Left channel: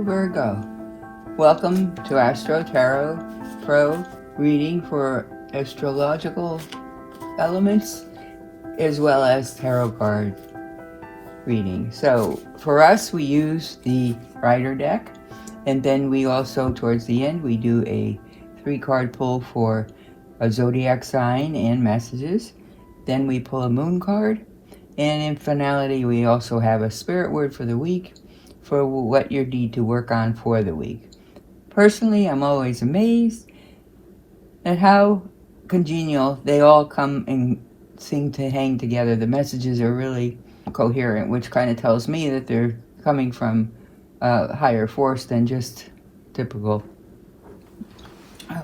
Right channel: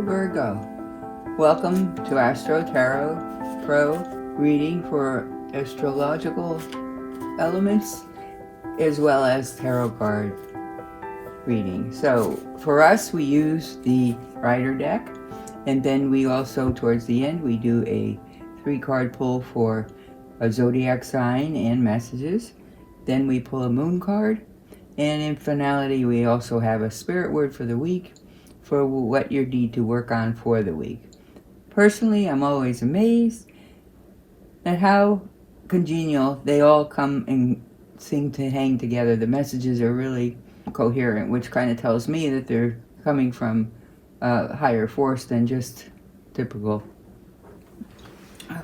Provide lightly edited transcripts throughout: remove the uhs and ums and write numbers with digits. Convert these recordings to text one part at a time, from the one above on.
Hello Virgo, welcome to AstroTarot.pro reading for astrological elements as well as tarot card reading. So for us, we use the Rider deck, and then we also towards the end we do a 3-card pull for a zodiac sign and messages. Then we pull a moon card, and in finality we also have a spirit word for the week for what you need to work on for the week. Personally, I'm always amazed at how congenial they all come and seem to hang together. The messages are really coherent, which kind of tells me that they're coming from a higher force than just typical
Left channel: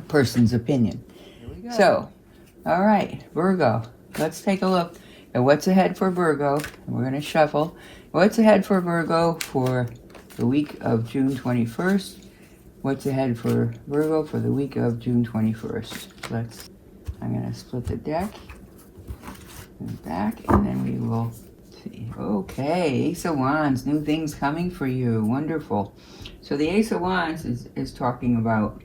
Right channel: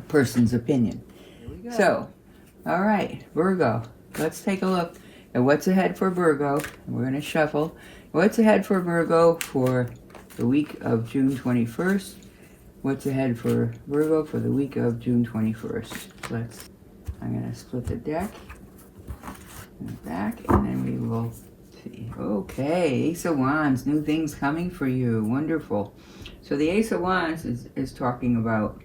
person's opinion. So, all right, Virgo, let's take a look at what's ahead for Virgo. We're going to shuffle. What's ahead for Virgo for the week of June 21st? What's ahead for Virgo for the week of June 21st? I'm going to split the deck and back, and then we will see. Okay, Ace of Wands, new things coming for you. Wonderful. So the Ace of Wands is talking about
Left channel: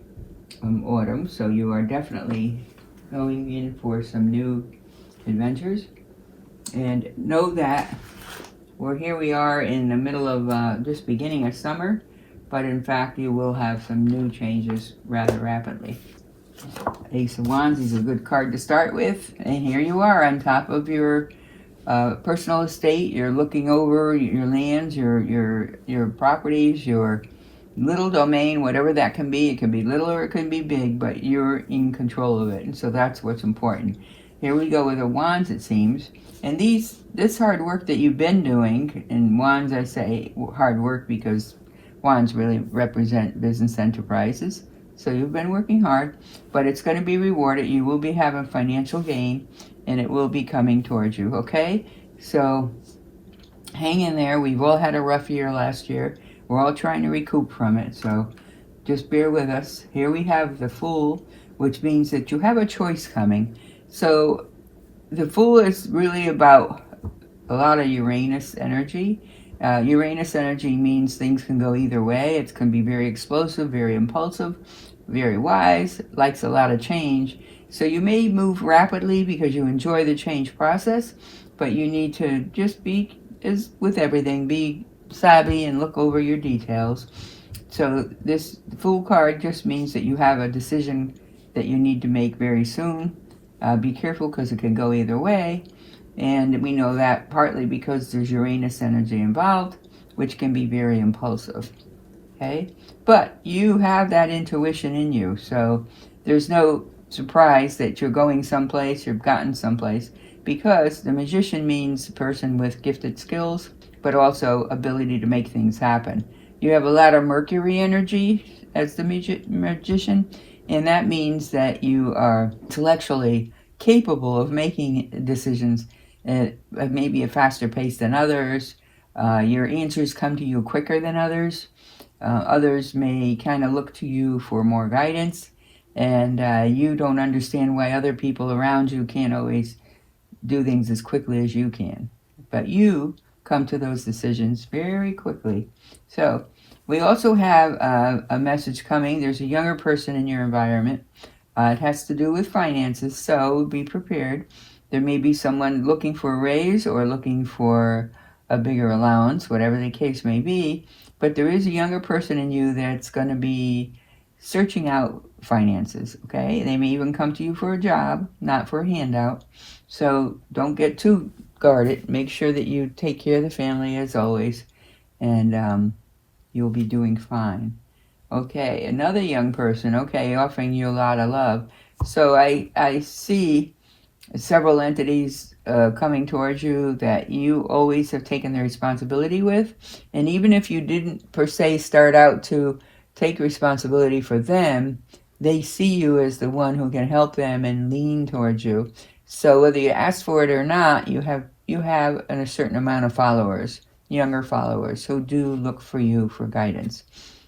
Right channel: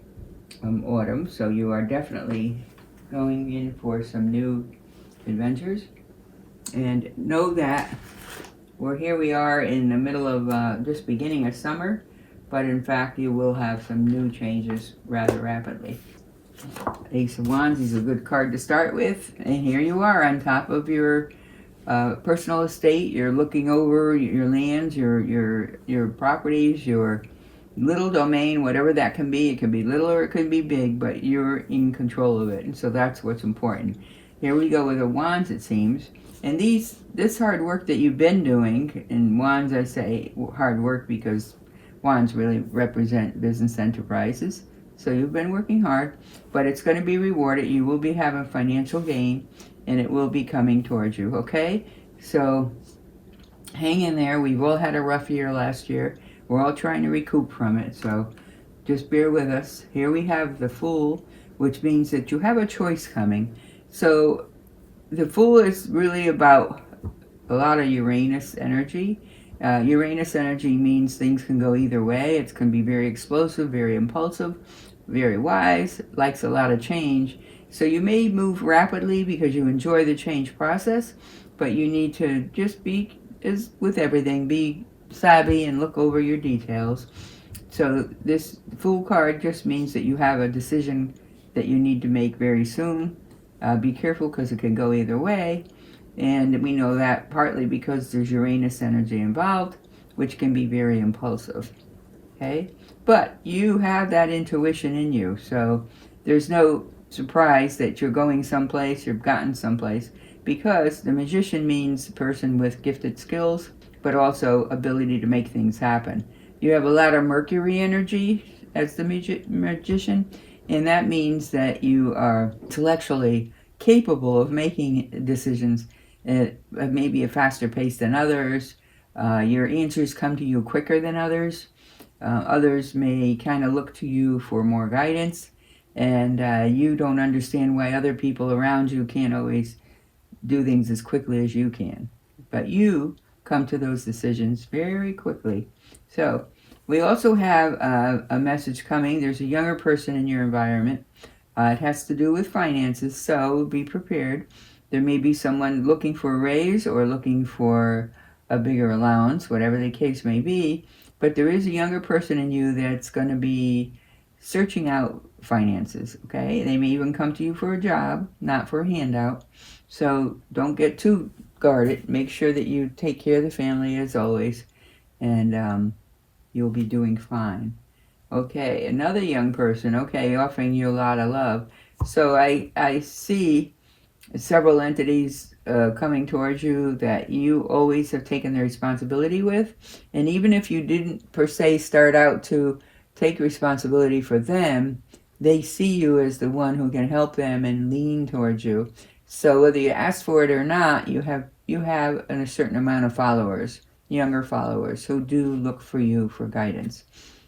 autumn, so you are definitely going in for some new adventures. And know that we are in the middle of just beginning of summer, but in fact you will have some new changes rather rapidly. Ace of Wands is a good card to start with, and here you are on top of your personal estate. You're looking over your lands, your properties, your little domain, whatever that can be. It can be little or it can be big, but you're in control of it, and so that's what's important. Here we go with a Wands, it seems. And this hard work that you've been doing, in Wands I say hard work because Wands really represent business enterprises. So you've been working hard, but it's going to be rewarded. You will be having financial gain, and it will be coming towards you, okay? So hang in there. We've all had a rough year last year. We're all trying to recoup from it, so just bear with us. Here we have the Fool, which means that you have a choice coming. So the Fool is really about a lot of Uranus energy. Uranus energy means things can go either way. It can be very explosive, very impulsive, very wise, likes a lot of change. So you may move rapidly because you enjoy the change process, but you need to just be, as with everything, be savvy and look over your details. So this Fool card just means that you have a decision that you need to make very soon. Be careful because it can go either way, and we know that partly because there's Uranus energy involved, which can be very impulsive, okay? But you have that intuition in you, so there's no surprise that you're going someplace, you've gotten someplace, because the Magician means a person with gifted skills, but also ability to make things happen. You have a lot of Mercury energy as the Magician, and that means that you are intellectually capable of making decisions at maybe a faster pace than others. Your answers come to you quicker than others. Others may kind of look to you for more guidance, and you don't understand why other people around you can't always do things as quickly as you can. But you come to those decisions very quickly. So we also have a message coming. There's a younger person in your environment. It has to do with finances, so be prepared. There may be someone looking for a raise or looking for a bigger allowance, whatever the case may be. But there is a younger person in you that's going to be searching out finances, okay? They may even come to you for a job, not for a handout. So don't get too guarded. Make sure that you take care of the family as always, and you'll be doing fine. Okay, another young person, okay, offering you a lot of love. So I see several entities coming towards you that you always have taken the responsibility with. And even if you didn't per se start out to take responsibility for them, they see you as the one who can help them and lean towards you. So whether you ask for it or not, you have a certain amount of followers, younger followers, who do look for you for guidance.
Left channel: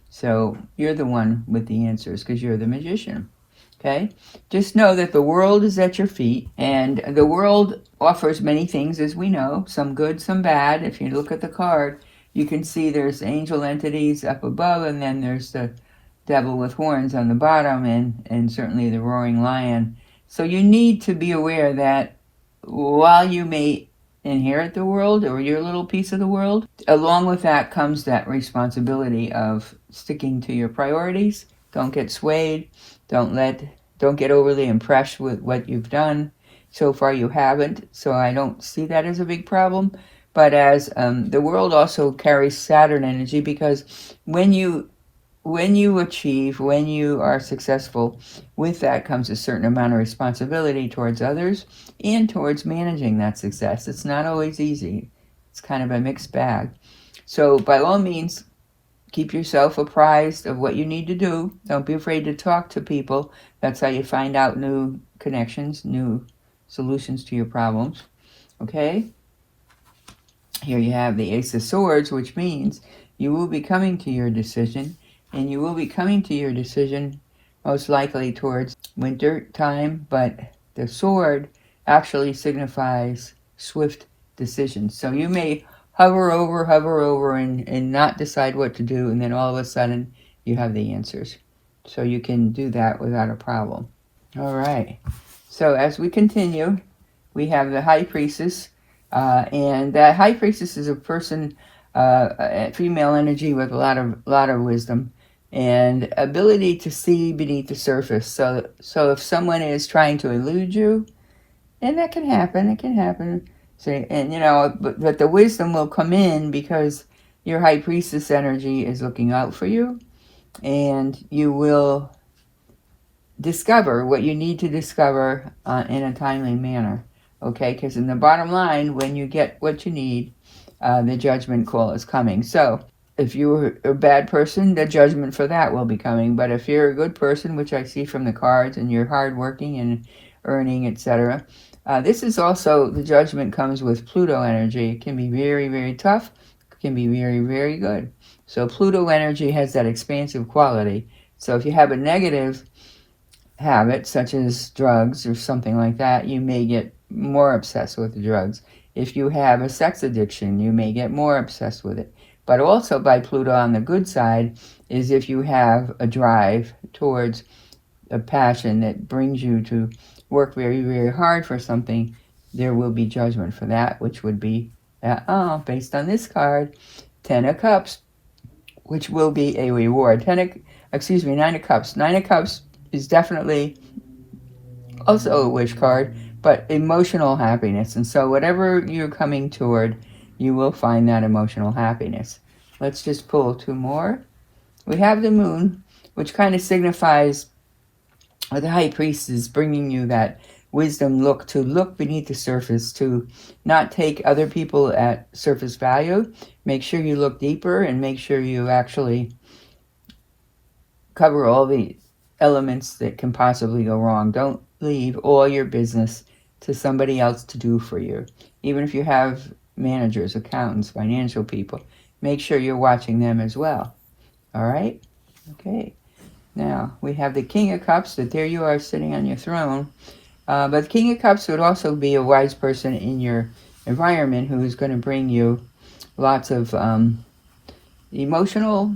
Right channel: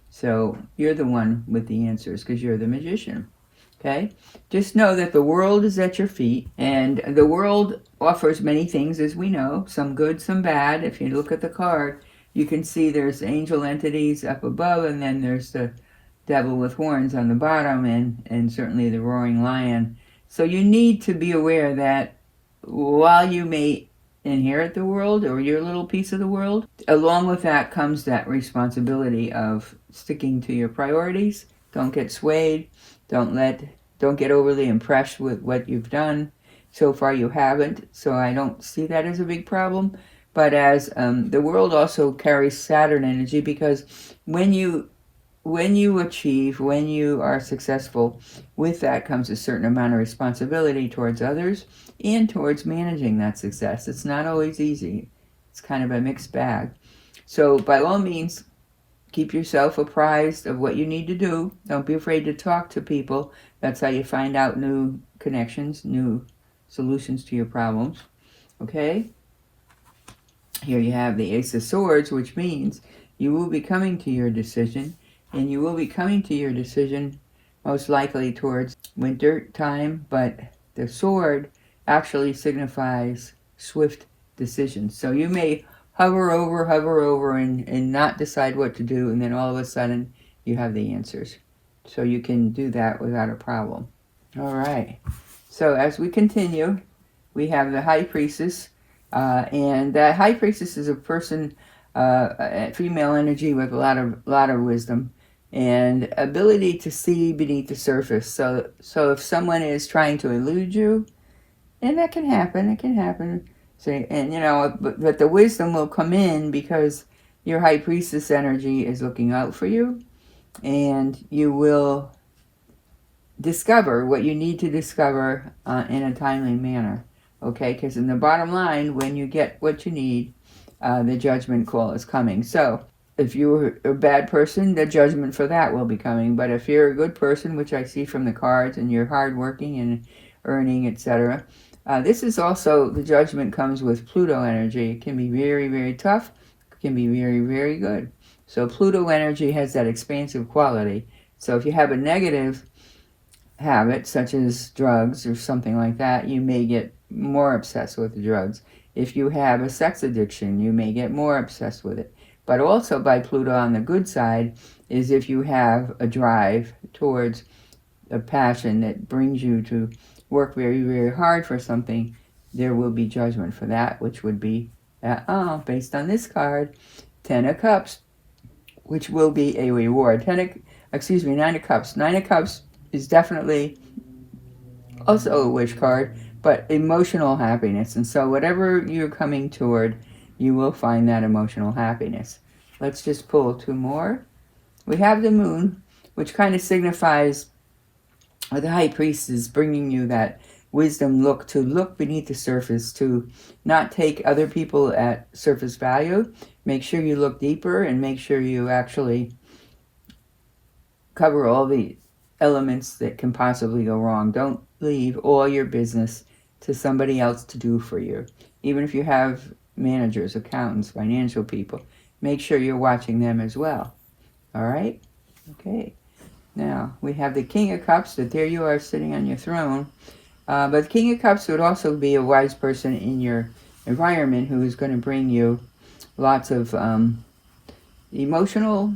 So you're the one with the answers because you're the Magician, okay? Just know that the world is at your feet, and the world offers many things, as we know, some good, some bad. If you look at the card, you can see there's angel entities up above, and then there's the devil with horns on the bottom, and certainly the roaring lion. So you need to be aware that while you may inherit the world or your little piece of the world, along with that comes that responsibility of sticking to your priorities. Don't get swayed. Don't get overly impressed with what you've done. So far you haven't, so I don't see that as a big problem. But as the world also carries Saturn energy, because when you achieve, when you are successful, with that comes a certain amount of responsibility towards others and towards managing that success. It's not always easy. It's kind of a mixed bag. So by all means, keep yourself apprised of what you need to do. Don't be afraid to talk to people. That's how you find out new connections, new solutions to your problems. Okay? Here you have the Ace of Swords, which means you will be coming to your decision. And you will be coming to your decision most likely towards winter time, but the sword actually signifies swift decisions. So you may hover over and not decide what to do, and then all of a sudden you have the answers. So you can do that without a problem. All right. So as we continue, we have the High Priestess, and that High Priestess is a person, female energy with a lot of wisdom and ability to see beneath the surface. So if someone is trying to elude you, and that can happen, So, and but the wisdom will come in because your High Priestess energy is looking out for you, and you will discover what you need to discover in a timely manner. Okay, because in the bottom line, when you get what you need, the judgment call is coming. So if you're a bad person, the judgment for that will be coming. But if you're a good person, which I see from the cards, and you're hardworking and earning, etc., this is also, the judgment comes with Pluto energy. It can be very, very tough. It can be very, very good. So Pluto energy has that expansive quality. So if you have a negative habit, such as drugs or something like that, you may get more obsessed with the drugs. If you have a sex addiction, you may get more obsessed with it. But also by Pluto on the good side is if you have a drive towards a passion that brings you to work very, very hard for something, there will be judgment for that, which would be, based on this card, 10 of Cups, which will be a reward. 9 of Cups. 9 of Cups is definitely also a wish card, but emotional happiness. And so whatever you're coming toward, you will find that emotional happiness. Let's just pull two more. We have the Moon, which kind of signifies the High Priest is bringing you that wisdom look, to look beneath the surface, to not take other people at surface value. Make sure you look deeper and make sure you actually cover all the elements that can possibly go wrong. Don't leave all your business to somebody else to do for you. Even if you have managers, accountants, financial people, make sure you're watching them as well. All right? Okay. Now, we have the King of Cups, that there you are sitting on your throne. But the King of Cups would also be a wise person in your environment who is going to bring you lots of emotional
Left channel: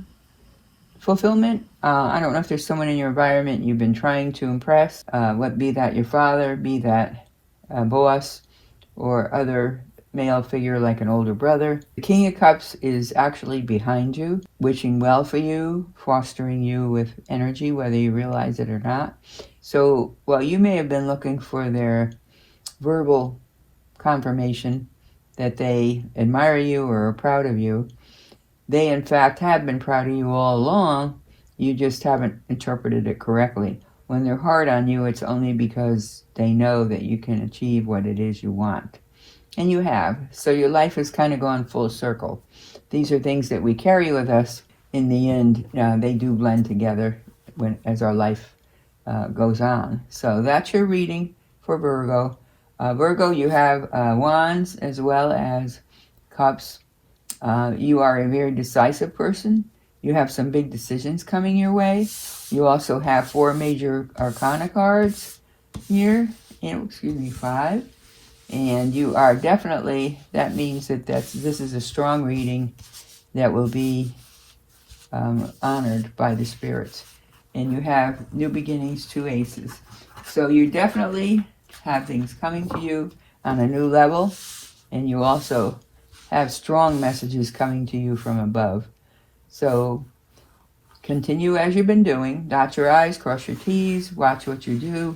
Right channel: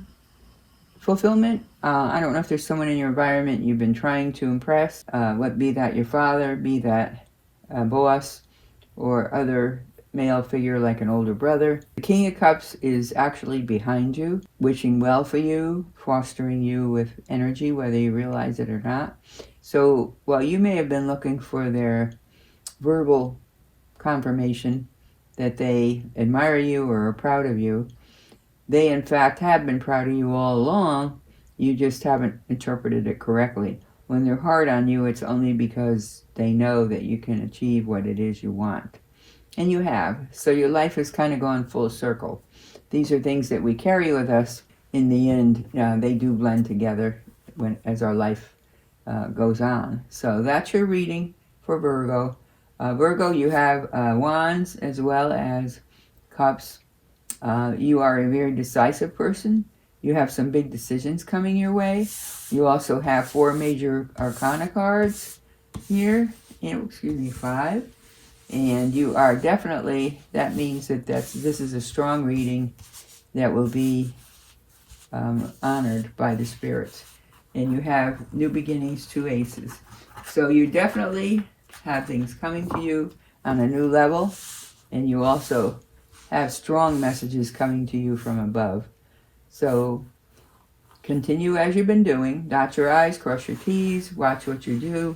fulfillment. I don't know if there's someone in your environment you've been trying to impress, be that your father, be that a boss, or other male figure like an older brother. The King of Cups is actually behind you, wishing well for you, fostering you with energy, whether you realize it or not. So while you may have been looking for their verbal confirmation that they admire you or are proud of you, they in fact have been proud of you all along. You just haven't interpreted it correctly. When they're hard on you, it's only because they know that you can achieve what it is you want. And you have. So your life has kind of gone full circle. These are things that we carry with us. In the end, they do blend together as our life goes on. So that's your reading for Virgo. Virgo, you have Wands as well as Cups. You are a very decisive person. You have some big decisions coming your way. You also have 4 major arcana cards here. And, 5. And you are definitely, that means that this is a strong reading. that will be honored by the spirits. And you have new beginnings, 2 aces. So you definitely have things coming to you on a new level, and you also have strong messages coming to you from above. So continue as you've been doing. Dot your I's, cross your T's, watch what you do,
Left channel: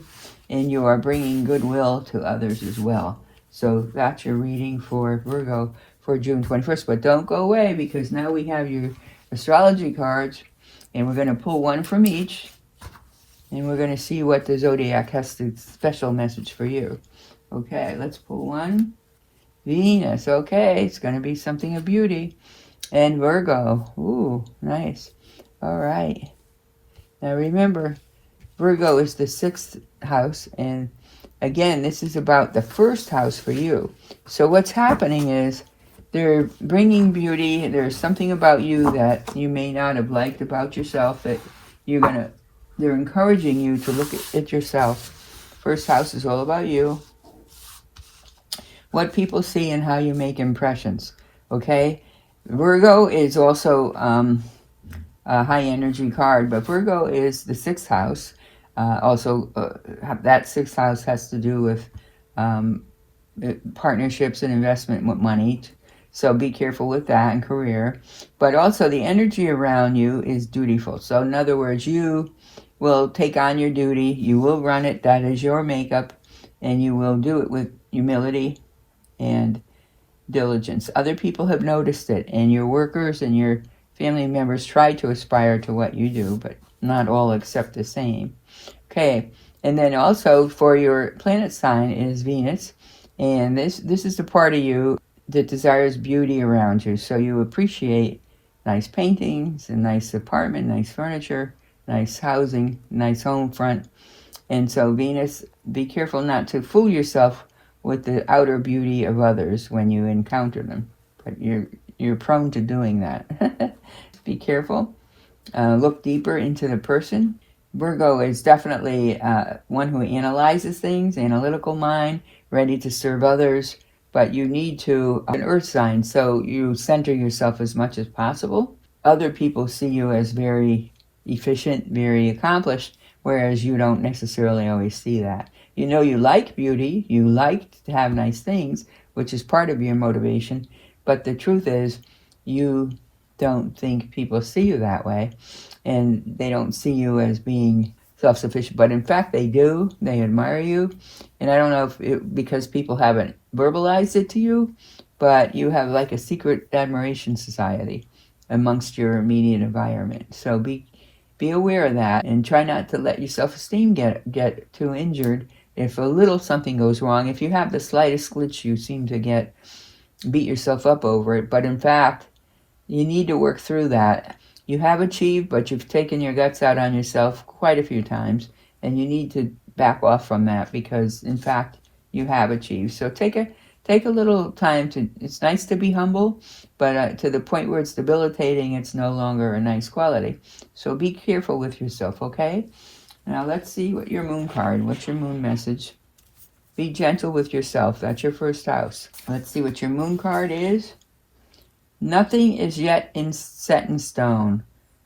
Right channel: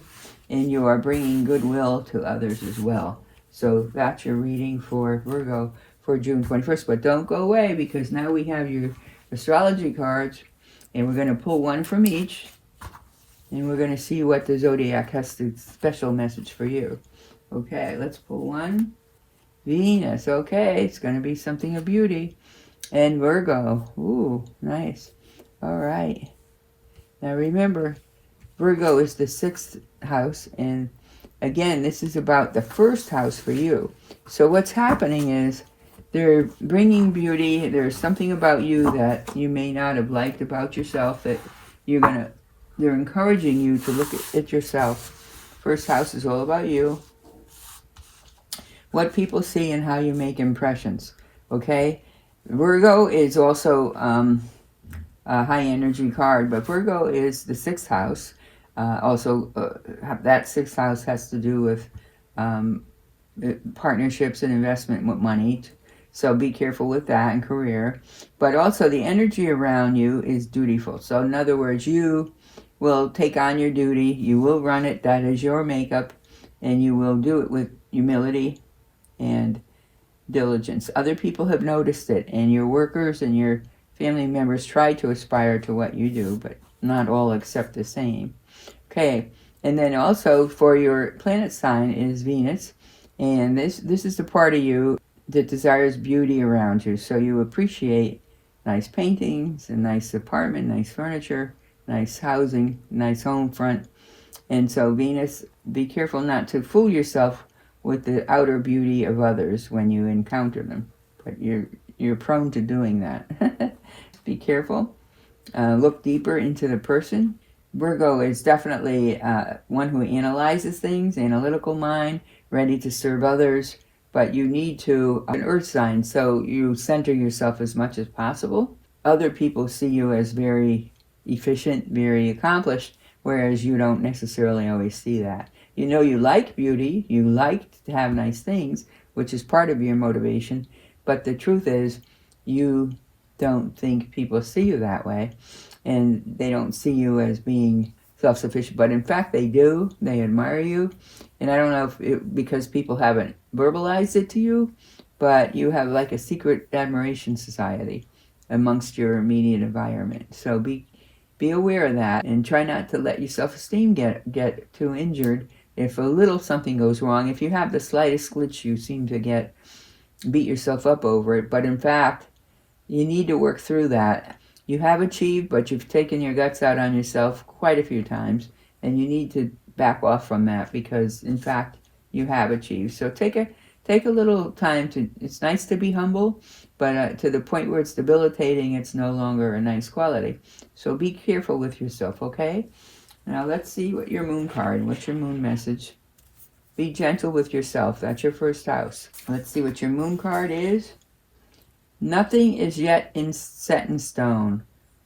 and you are bringing goodwill to others as well. So that's your reading for Virgo for June 21st. But don't go away, because now we have your astrology cards, and we're going to pull one from each, and we're going to see what the zodiac has the special message for you. Okay, let's pull one. Venus. Okay, it's going to be something of beauty. And Virgo. Ooh, nice. All right. Now remember, Virgo is the 6th house, and again, this is about the 1st house for you. So what's happening is they're bringing beauty. There's something about you that you may not have liked about yourself that they're encouraging you to look at yourself. 1st house is all about you. What people see and how you make impressions. Okay? Virgo is also a high energy card, but Virgo is the 6th house. That 6th house has to do with partnerships and investment with money. So be careful with that and career. But also the energy around you is dutiful. So in other words, you will take on your duty. You will run it. That is your makeup. And you will do it with humility and diligence. Other people have noticed it. And your workers and your family members try to aspire to what you do. But not all accept the same. Okay. And then also for your planet sign is Venus. And this is the part of you that desires beauty around you. So you appreciate nice paintings, a nice apartment, nice furniture, nice housing, nice home front. And so Venus, be careful not to fool yourself with the outer beauty of others when you encounter them. But you're prone to doing that. Be careful. Look deeper into the person. Virgo is definitely one who analyzes things, analytical mind, ready to serve others. But you need to, an earth sign, so you center yourself as much as possible. Other people see you as very efficient, very accomplished, whereas you don't necessarily always see that. You know you like beauty, you like to have nice things, which is part of your motivation, but the truth is you don't think people see you that way, and they don't see you as being self-sufficient, but in fact they do. They admire you, and I don't know if because people haven't verbalized it to you, but you have like a secret admiration society amongst your immediate environment. So be aware of that, and try not to let your self-esteem get too injured if a little something goes wrong. If you have the slightest glitch, you seem to beat yourself up over it, but in fact you need to work through that. You have achieved, but you've taken your guts out on yourself quite a few times, and you need to back off from that, because in fact you have achieved. So take a little time to, it's nice to be humble, but to the point where it's debilitating, it's no longer a nice quality. So be careful with yourself, okay? Now let's see what your moon card, what's your moon message. Be gentle with yourself. That's your 1st house. Let's see what your moon card is. Nothing is yet set in stone.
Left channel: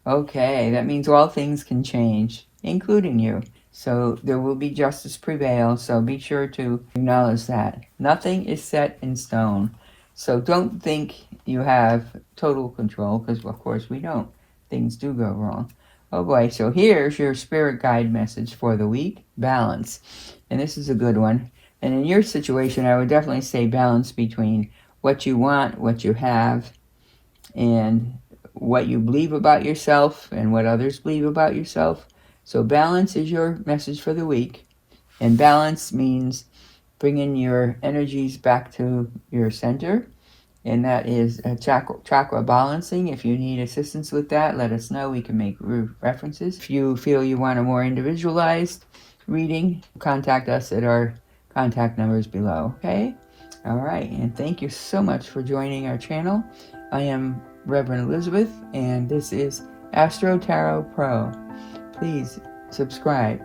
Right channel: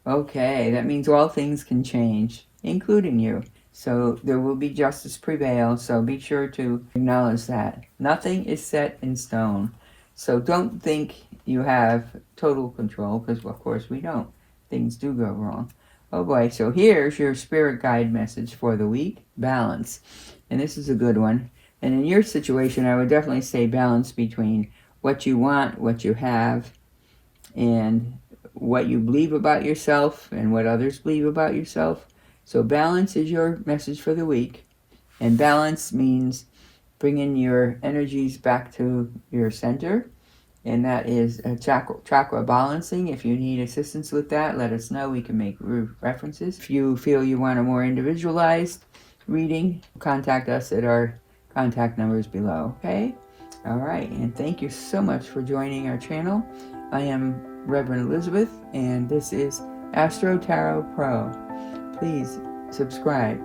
Okay, that means all things can change, including you. So there will be justice prevail, so be sure to acknowledge that. Nothing is set in stone. So don't think you have total control, because of course we don't. Things do go wrong. Oh boy, so here's your spirit guide message for the week. Balance. And this is a good one. And in your situation, I would definitely say balance between what you want, what you have, and what you believe about yourself and what others believe about yourself. So balance is your message for the week. And balance means bringing your energies back to your center. And that is a chakra balancing. If you need assistance with that, let us know. We can make references. If you feel you want a more individualized reading, contact us at our contact numbers below, okay? All right, and thank you so much for joining our channel. I am Reverend Elizabeth, and this is AstroTarot.pro. Please subscribe.